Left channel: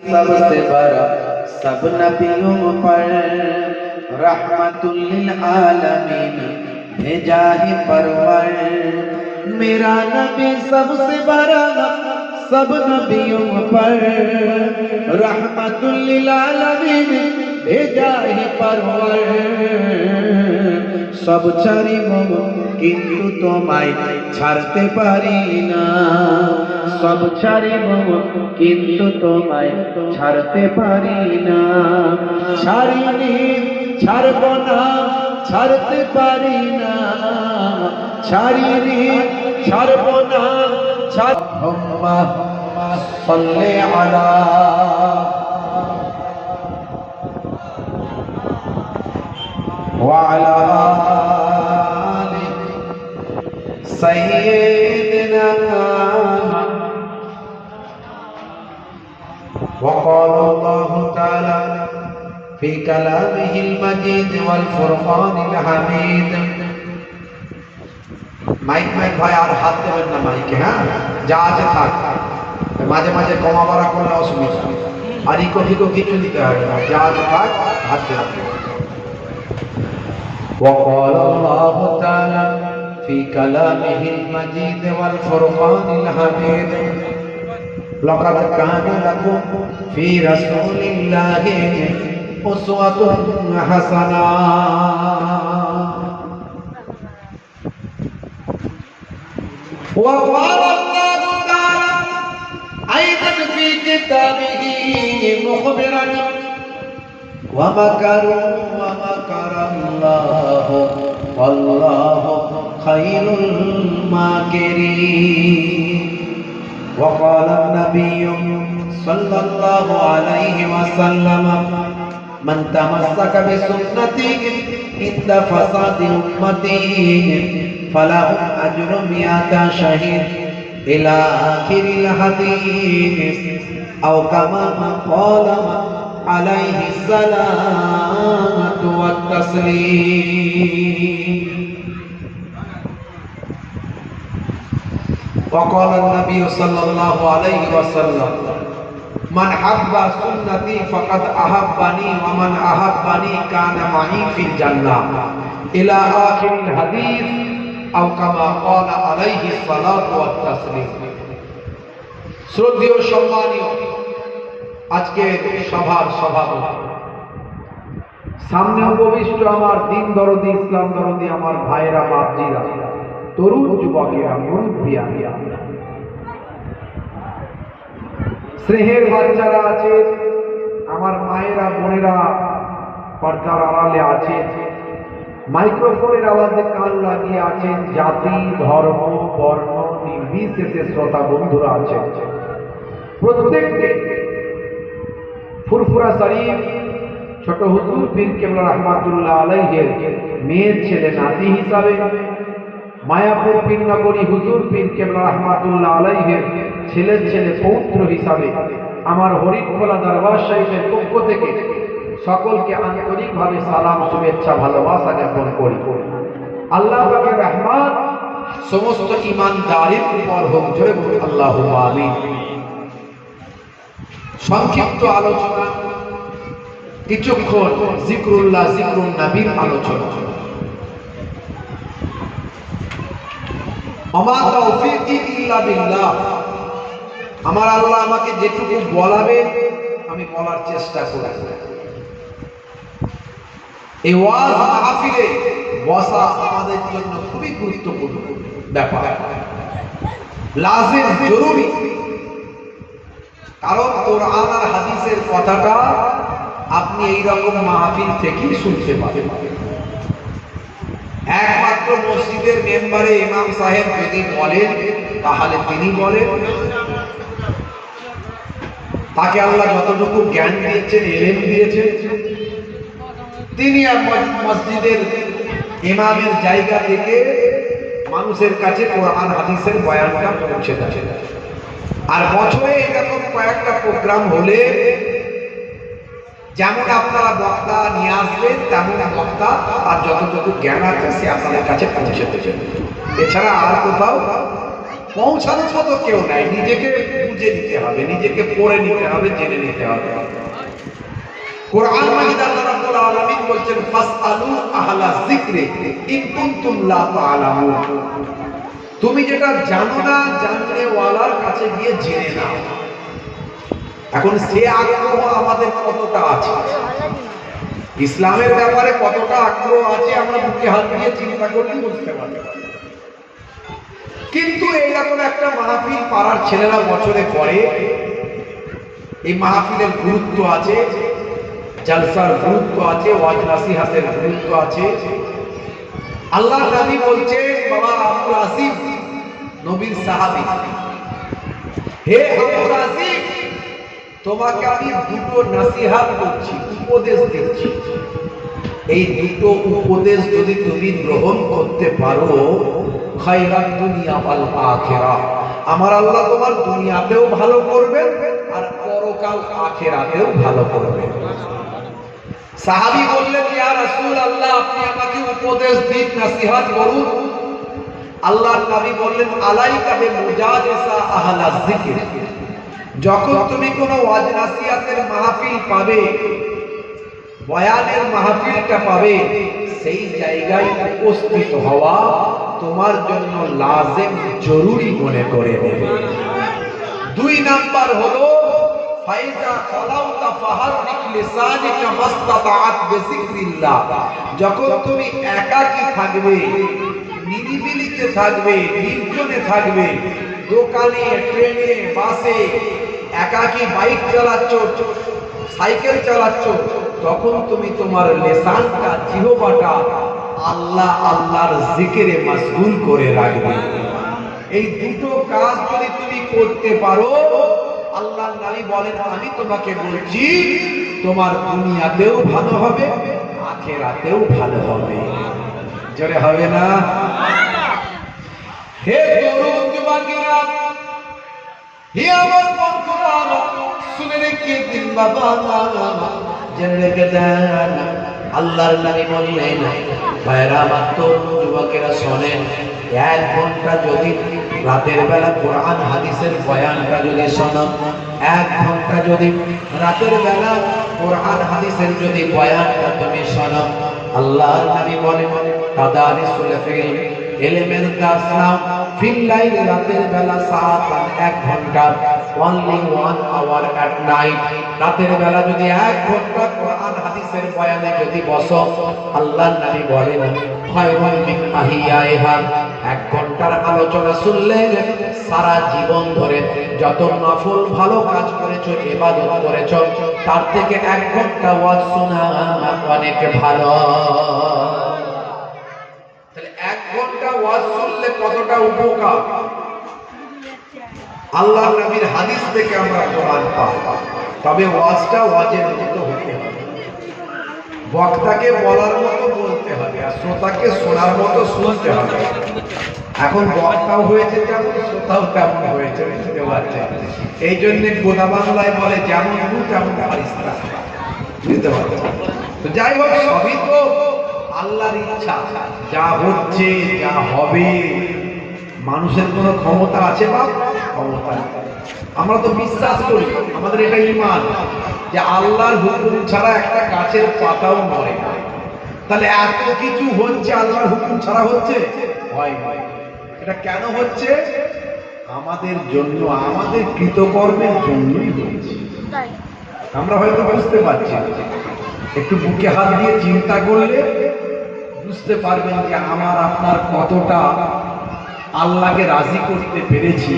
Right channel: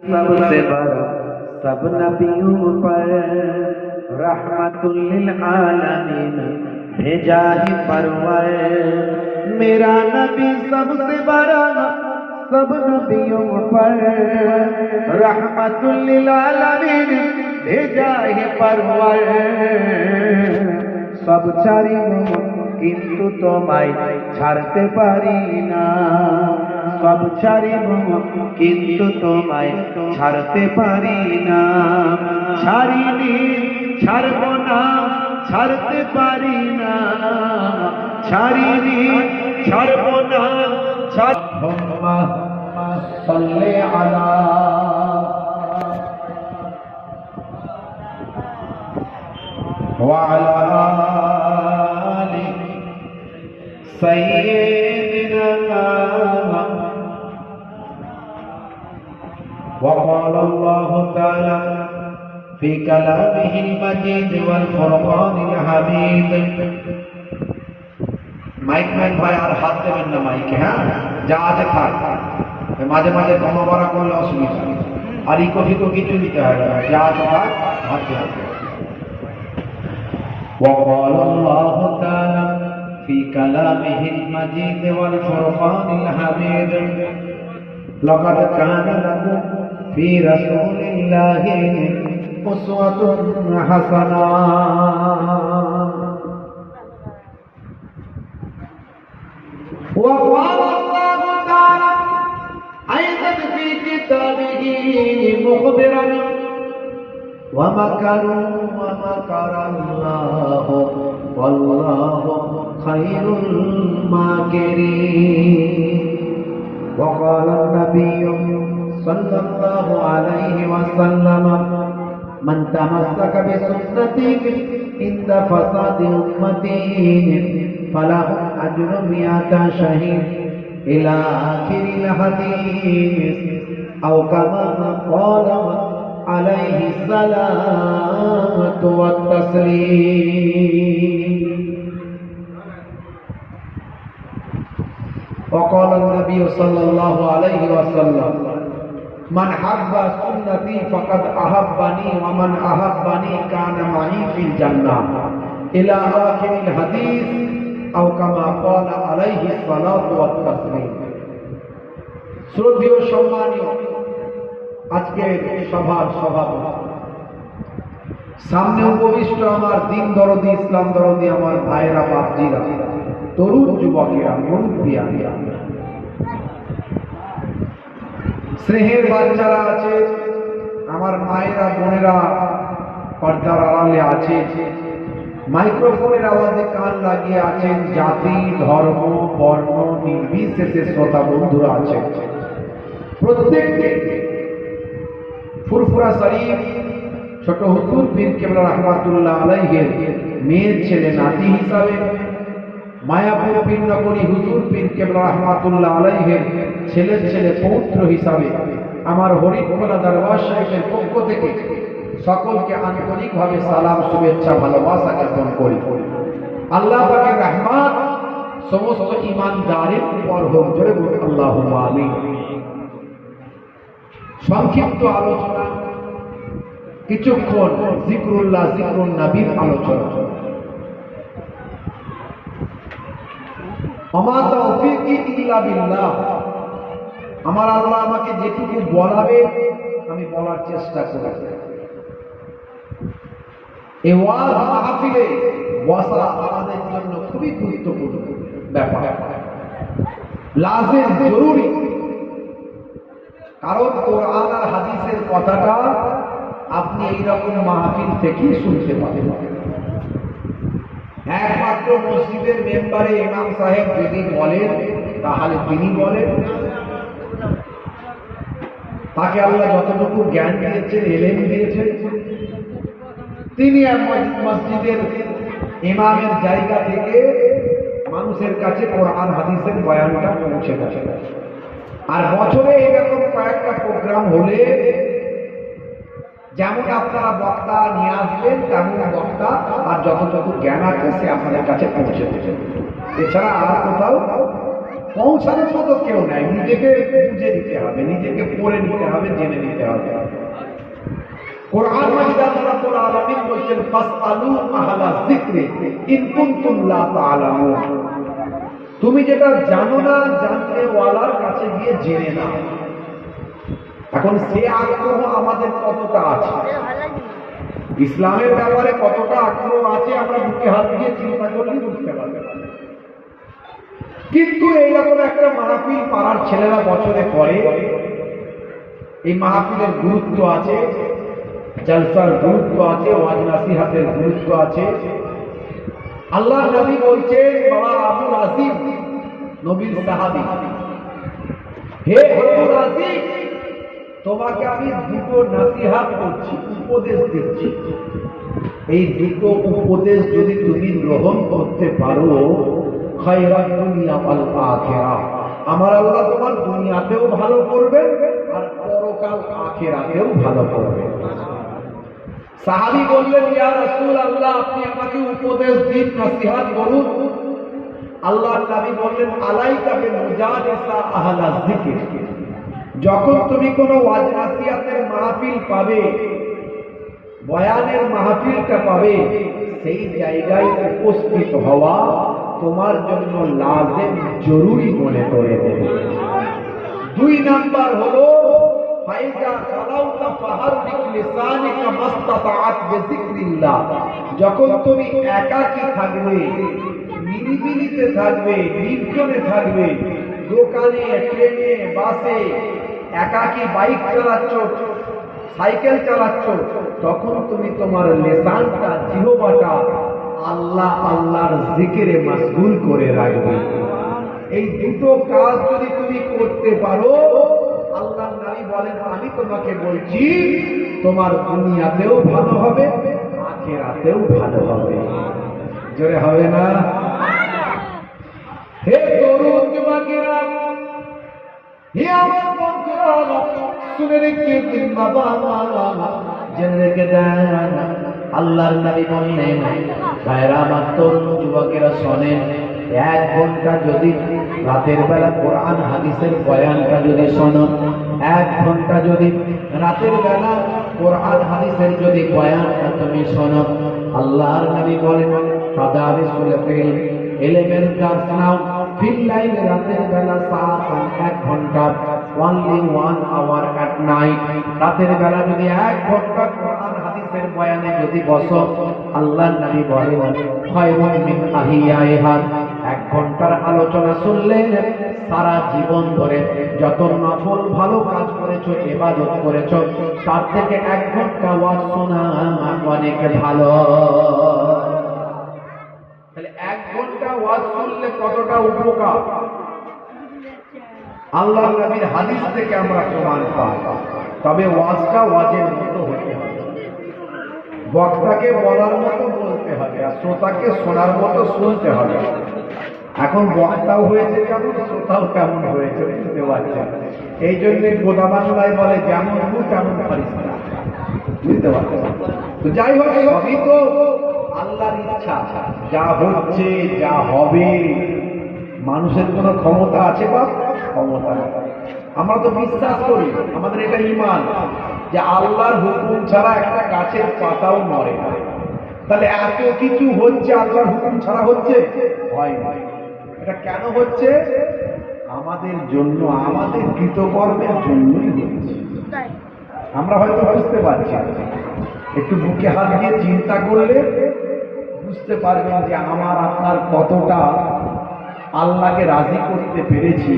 सबसे बड़ा सब नबियों पर रहमतुल लिल आलमीन भेजा है परवर। मेरा नबी सबसे बड़ा सब नबियों पर रहमतुल लिल आलमीन भेजा है परवर। सब ছাড়িব কিন্তু তোমায় ছাড়তে পারি না, সব ছাড়িব কিন্তু তোমায় ছাড়তে পারি না। ছাড়িনি ছাড়ব না ছাড়তে পারি না, ছাড়িনি ছাড়ব না আল্লাহুম্মা সাল্লি আলা ওয়া আলা আলি সাইয়্যিদিনা। وقال الله تعالى في كلامه المجيد والفرقان الحميد। মাইক ভাই আর হাত দেবেন না মাইকে, হ্যাঁ যা আছে থাক, মাঝে মাঝে কমা বাড়া করলে অসুবিধা, আর ইকো ফিকো কিছু দিতে হবে না, যা আছে থাক হাত দেবেন। وقال الله تعالى في كلامه المجيد والفرقان الحميد لقد كان لكم في رسول الله أسوة حسنة وقال الله تعالى أيضا في كتابه مخبرا ومكروا ومكر الله والله خير الماكرين. وقال النبي صلى الله عليه وسلم من تمسك بسنتي عند فساد أمتي فله أجر 100 شهيد إلى آخر الحديث أو كما قال عليه الصلاة والتسليم. وقال النبي صلى الله عليه وسلم من حب سنتي فقد أحبني ومن أحبني كان معي في الجنة إلى آخر الحديث أو كما قال عليه الصلاة والتسليم. শ্রদ্ধেয় সম্মানীয় আজকের সভার সভাপতি, সামনে উপবিষ্ট আমার দিন দরদি ইসলাম দরদি আমার ভাইয়েরা বাপজিরা, তরুণ যুবকেরা, মুরব্বিয়ারা, স্নেহের বাচ্চারা আছে, আমার মায়েরা বোনেরা পর্দার আড়ালে আছে, মাইক্রোফোনের আওয়াজে কান লাগিয়ে আছেন, জাতি ধর্ম বর্ণ নির্বিশেষে শ্রোতা বন্ধুরা আছেন, প্রত্যেককে ফুরফুরা শরীফ ছোট হুজুর পীর কেবলা রহমাতুল্লাহ আলাইহির মেয়ের ছেলে নাতি হিসাবে, মায়াপুর পীরনগরী হুজুর পীর কেবলা রহমাতুল্লাহ আলাইহির ছেলের ছেলে পৌত্র হিসাবে আমার হরিখোলা দরবার শরীফের পক্ষ থেকে সকলকে আন্তরিকভাবে সালাম শুভেচ্ছা ভালোবাসা জ্ঞাপন করি। আল্লাহ পাকের রহমত সমস্ত ঈমানদারের উপর হোক, জোরে বলি আল্লাহুম্মা আমিন। সংক্ষিপ্ত আলোচনা, কিছুক্ষণ জিকরুল্লাহ জিকরুন নবীর আলোচনা। আমা তাওফীকি ইল্লা বিল্লাহ, আমার আল্লাহ আমাকে যেটুকু বলাবে আমি বলার চেষ্টা করি। এই ওয়াজ মাহফিলে বসা আমাদের জন্য খুবই গুরুত্বপূর্ণ ব্যাপার, লাজিম জরুরি, কারণ কোরআন আর হাদিসের কথাটা আপনি এই রকম মাহফিল থেকেই শুনতে পাবেন। একমাত্র মসজিদের মেম্বারে ইমাম সাহেব যদি বলেন তাহলে তিনি বলেন, তাকে আল্লাহ যতটুকু জ্ঞান দিয়েছেন, ইলম দিয়েছেন, তিনি মসজিদের ইমামের জায়গা থেকে মানুষের কাছে কোরআন হাদিসের বয়ানটা পৌঁছে থাকে। আর বছরে এরকম কয়েকটা প্রোগ্রাম হলে যেমন আপনারা বক্তা নিয়ে আসবেন, তেমন বক্তা আর যতটুকু জ্ঞান আছে সে আপনাদের কাছে পৌঁছে দেবেন। এছাড়া আর কোথাও পৌঁছানোর মতো কেউ নাই, নিজেকে বুঝে নিতে হবে, নিজেকে পড়ে নিতে হবে, জেনে নিতে হবে। কোরআন মাজিদে আল্লাহ রাব্বুল আলামিন বলছেন ফাসআলু আহলা যিকরি ইন কুনতুম লা তা'লামুন, তুমি যেটা জানো না জানতে ওয়ালার কাছে গিয়ে জেনে নাও। এখন সে আগ্রহ আমাদের কতটা আছে, ইসলামের ব্যাপারে কতটা আগ্রহ আছে আমরা বুকে হাত দিয়ে চিন্তা করলেই বুঝতে পারি। কিন্তু এইরকম একটা মাহফিল পাড়ার ছেলেরা বছরে করে, এই মাহফিলের গুরুত্ব আছে, জলসার গুরুত্ব আছে, ওয়াজ নাসিহাতের গুরুত্ব আছে। আল্লাহর নবী বলছে, বাবা আবু আসিফ নবীর সাহাবী, হে আবু আসিফ তোমাকে আমি দুটো নাসিহাত করছি, উপদেশ দিচ্ছি, এই দুটো উপদেশ যদি তুমি গ্রহণ করতে পারো খায়রাত দুনিয়া ওয়াল আখিরাহ, আমার আল্লাহ তোমার দুনিয়াতেও ভালো করবেন আর পরকাল আখিরাতেও ভালো করবেন। সাহাবী বললেন, ইয়া রাসূলুল্লাহ আপনি আমাকে উপদেশ দিন, নসিহত করুন। আল্লাহর নবী বললেন, আলাইকা বিমুজালিসা আহলা যিকর, যখন তুমি কোনো ওয়াজ নাসিহতের মাহফিল পাবে, বয়ানের মাহফিলটা পাবে, সেই জায়গায় উপস্থিত হওয়া তোমার জন্য লাজিম জরুরি মনে করে নেবে। দুই নাম্বার হলো ফাইজা খালাউতা ফাহাররিক লিসানিকা মাসতাতাআত বিযিকরিল্লাহ, যখন তুমি একাকী থাকবে, নিরিবিলিতে থাকবে, নির্জনে থাকবে, দোকানে, ট্রেনে, বাসে, একাকী বাইক চালাচ্ছ, সাইকেল চালাচ্ছ, তখন তুমি তোমার লিসানটা, জিহ্বাটা আল্লাহ আল্লাহর জিকিরে মাশগুল করে রাখবে। এই দুটো কাজ যদি তুমি করতে পারো, আল্লাহর নবী বলেন আমি তোমাকে বলছি তোমার দুনিয়াতেও ভালো হবে, আখিরাতেও ভালো হবে। জোরে হবে না? হে তরুণ যুবকেরা, হে আমার বন্ধুরা, শুনে রেখে দিন বাবা, জেনে রেখে যান, আল্লাহর নবী বললেন, ভাইরা আমার তরুণ যুবকেরা শোনেন, 1 ঘন্টা যদি রাতের বেলা কোরআন হাদিসের বয়ানটা যদি শোনো, 1 ঘন্টা যদি রাতের বেলা কোরআন হাদিসের যদি বয়ানটা তুমি শোনো, আল্লাহর নবী বলেন তাদারিসুল ইলম, ইলমের দাস নাও, ফিল লাইল, রাতের বেলা সাআতান 1 ঘন্টা, only 1 hour at night, রাতের বেলা যদি 1 ঘন্টা কোরআন হাদিসের বয়ানে যদি বসো, আল্লাহর নবী বলেন খায়রুম মিন আহিয়াইহা, 1 ঘন্টার আলোচনা শুনলে সারা জীবন ধরে যত নফল ভালো কাজ করেছো, ইবাদত করেছো, তার থেকে 1 ঘন্টা ওয়াজ শোনা অনেক ভালো। তাহলে 1 ঘন্টা ওয়াজ শুনলে কতটা উপকার, আল্লাহর নবীর হাদিস থেকে আমরা প্রমাণ পাই। তবে ওয়াজটা ওয়াজের মতো হতে হবে, বক্তাকে বলার মতো বলতে হবে, আর শ্রোতাকে শোনার মতো শুনতে হবে। এখন বক্তাও হয়েছে কেমন, শ্রোতাও কেমন হয়েছে, বুঝতে পারছেন? এই জন্য গোদা বাংলায় বলে যেমন গরু তেমন ফারিস্তা, বুঝতে পারছেন? তো যাই হোক, সবই তো আল্লাহর ইচ্ছা, যা হচ্ছে যা হবে মানুষের কোনো ক্ষমতা আছে বা ক্ষমতা নেই। আমরা তো বিশ্বাস করি, আমাদের এটা ঈমান যে আল্লাহর হুকুম ছাড়া একটা গাছের পাতাও নড়ে না। তাহলে এত কিছু হচ্ছে আল্লাহর হুকুম ছাড়া হচ্ছে? হয় না। এটা কেন হচ্ছে? আমাদের জন্য, আমাদের কৃতকর্মের জন্যই হচ্ছে। আমরা হয়তো বুঝতে পারছি, একটু বুকে হাত দিয়ে চিন্তা করলে বুঝতে পারবেন যে আমার আপনার কতটা আল্লাহকে রাজি করতে পেরেছি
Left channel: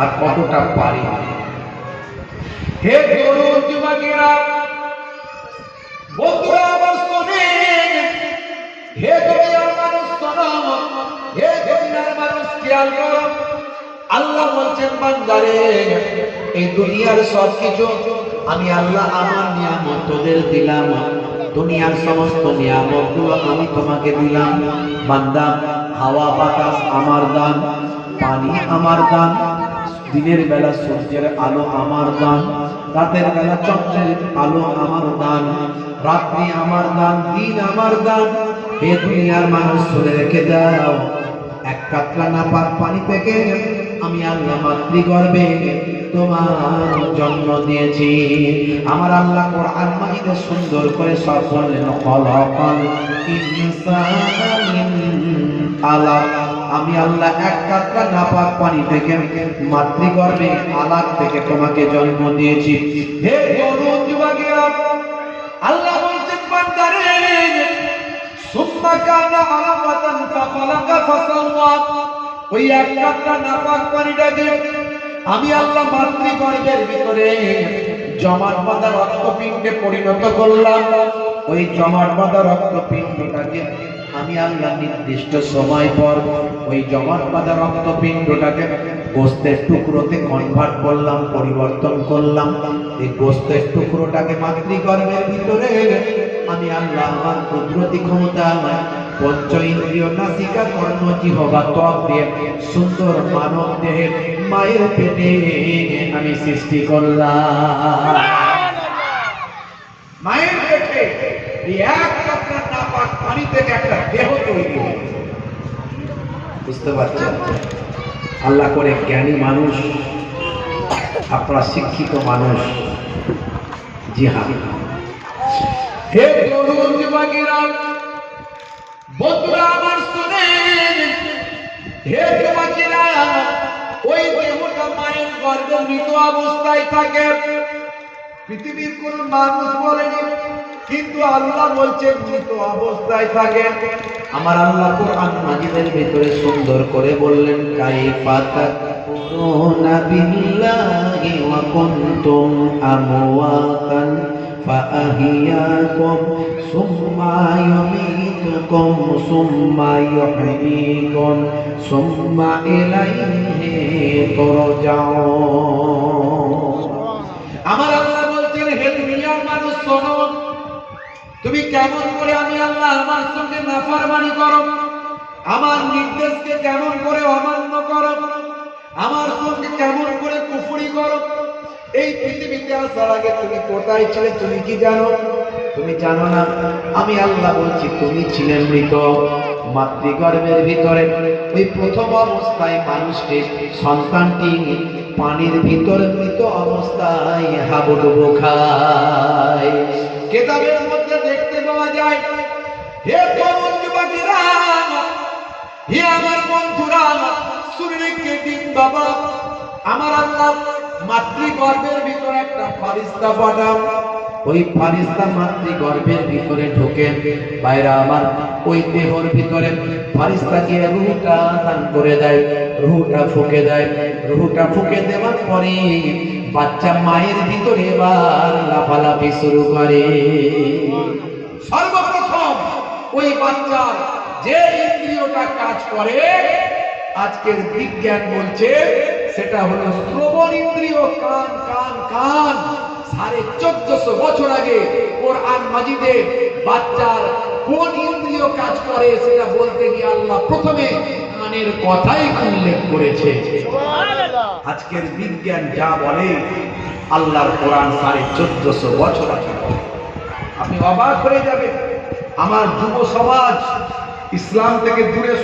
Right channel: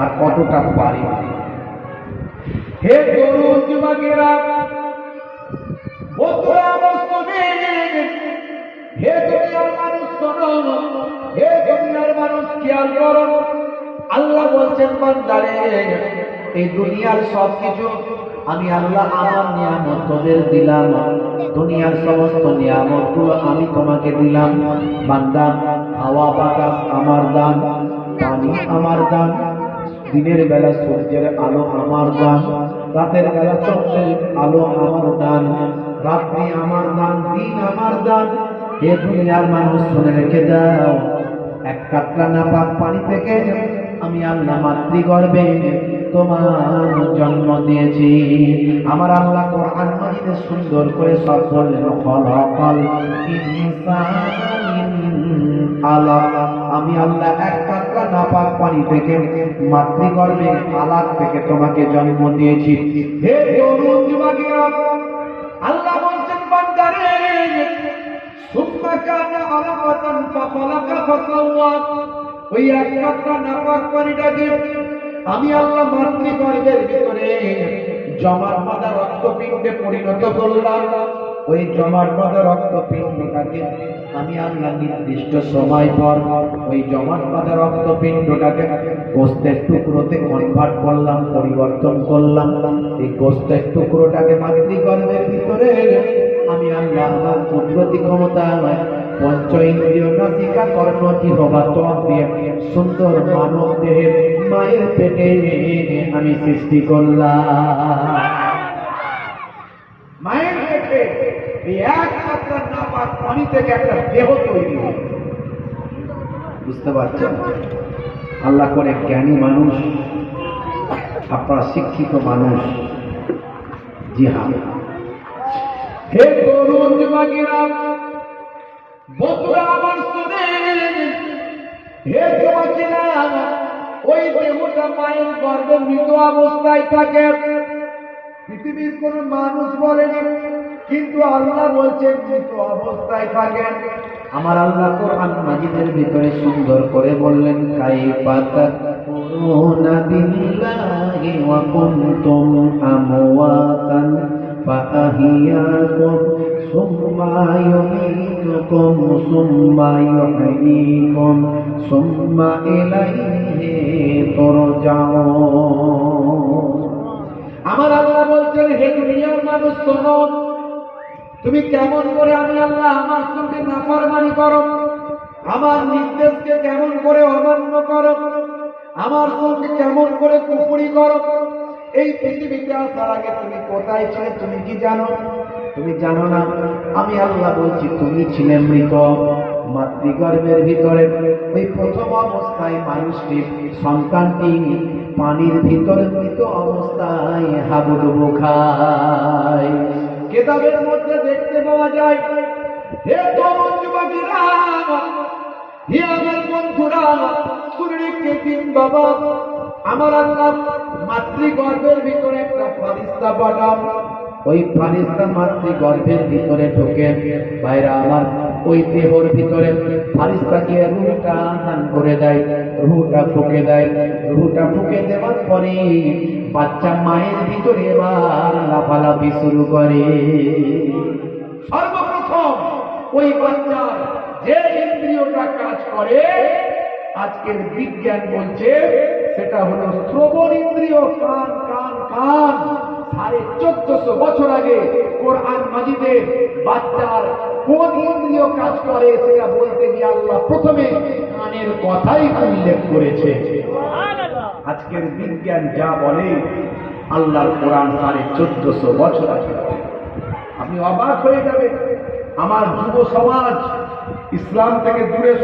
আর কতটা পারি। হে তরুণ যুবকেরা, বন্ধুরা আমার শোনেন, হে দুনিয়ার মানুষ শোনো, হে দুনিয়ার মানুষ খেয়াল করো, আল্লাহ বলছেন বান্দারে, এই দুনিয়ার সব কিছু আমি আল্লাহ আমার নিয়ামত তোদের দিলাম, দুনিয়ার সমস্ত নিয়ামতগুলো আমি তোমাকে দিলাম। বান্দা, হাওয়া বাতাস আমার দান, পানি আমার দান, দিনের বেলা সূর্যের আলো আমার দান, রাতের বেলা চন্দ্রের আলো আমার দান, রাত্রি আমার দান, দিন আমার দান। হে দুনিয়ার মানুষ শুনে রেখে দাও, 1 কাতরা নাপাক পানি থেকে আমি আল্লাহ মাতৃগর্ভে তোমার জন্ম দিয়েছি। আমার আল্লাহ কোরআন মাজিদে সুন্দর করে সব বললেন, খলাকাল ইনসানা মিন আলাক। আমি আল্লাহ এক কাতরা নাপাক পানি থেকে মাতৃগর্ভে আলাক থেকে তোমাকে জন্ম দিয়েছি। হে তরুণ যুবকেরা, আল্লাহ বলছেন বান্দারে, সুম্মা কানা আলাকাতান ফাখালাকা ফাসাওয়া। ওই এক কাতরা নাপাক পানিটাকে আমি আল্লাহ মাতৃগর্ভের ভিতরে জমাট বাঁধা রক্তপিণ্ডে পরিণত করলাম। ওই জমাট বাঁধা রক্তপিণ্ডটাকে আমি আল্লাহ নির্দিষ্ট সময় পর ওই জমাট বাঁধা রক্তপিণ্ডটাকে গোস্তের টুকরোতে কনভার্ট করলাম, পরিবর্তন করলাম। এই গোস্তের টুকরোটাকে মাতৃগর্ভের ভিতরে আমি আল্লাহ আমার কুদরতি ক্ষমতা, আমার পঞ্চ ইন্দ্রিয় নাসিকা কর্ণ জিহ্বা ত্বক দিয়ে সুন্দর মানব দেহে মায়ের পেটে আমি সৃষ্টি করলাম। মায়ের পেটে এই এক কাতরা নাপাক পানি থেকে একটা দেহ তৈরি হয়েছে। বুঝতে পারছেন? আল্লাহ করে জ্ঞানী মানুষ, আপনারা শিক্ষিত মানুষ। জি হ্যাঁ, হে তরুণ যুবকেরা, বন্ধুরা আমার শুনেন, হে যুবকেরা, ওই দেহটা মায়ের গর্ভে মৃত অবস্থায় থাকে। পৃথিবীর কোন মানুষ বলেনি, কিন্তু আল্লাহ বলছেন মৃত অবস্থায় থাকে। আমার আল্লাহ কোরআন মাজিদের ভিতরে সুন্দর করে বললেন, কাইফা তাকুনা বিল্লাহি ওয়া কুনতুম আমওয়াতান ফাআহিয়াকুম সুম্মা ইউমীতুকুম সুম্মা ইউহয়ীকুম সুম্মা ইলাইহি তুরজাউন। আমার আল্লাহ বলছেন, হে দুনিয়ার মানুষ শোনো, তুমি কেমন করে আমি আল্লাহ আমার সঙ্গে নাফরমানি করো, আমার নির্দেশকে কেমন করে অমান্য করো, আমার সঙ্গে কেমন করে কুফরি করো। এই পৃথিবীতে আসার আগে তুমি কোথায় ছিলে তুমি কি জানো? তুমি জানো না। আমি আল্লাহ বলছি, তুমি ছিলে মৃত মাতৃগর্ভের ভিতরে। ওই প্রথম অবস্থায় মানুষকে, সন্তানটি পানির ভিতর মৃত অবস্থায় হাবুডুবু খায়। কিতাবের মধ্যে দেখতে পাওয়া যায়। হে তরুণ যুবকেরা, হে আমার বন্ধুরা, শুনে দিন বাবা, আমার আল্লাহ মাতৃগর্ভের ভিতরে একটা ফারিস্তা পাঠান। ওই ফারিস্তা মাতৃগর্ভের ভিতরে ঢোকে, বাইরে আমার ওই দেহর ভিতরে ফারিস্তা গিয়ে রুহটা দান করে দেয়, রুহটা ফুঁকে দেয়। রুহটা ফুঁকে দেওয়ার পরে বাচ্চা মায়ের ভিতরে এবার লাফালাফি শুরু করে। সর্বপ্রথম ওই বাচ্চার যে ইন্দ্রিয়টা কাজ করে, আজকের বিজ্ঞান বলছে সেটা হলো শ্রবণ ইন্দ্রিয়। কান কান কান। 1450 বছর আগে কোরআন মাজিদে বাচ্চার কোন ইন্দ্রিয় কাজ করে সেটা বলতে গিয়ে আল্লাহ প্রথমে কানের কথাই উল্লেখ করেছে। আজকের বিজ্ঞান যা বলে, আল্লাহর কোরআন 1450 বছর আগে। আপনি অবাক হয়ে যাবেন। আমার যুব সমাজ ইসলাম থেকে দূরে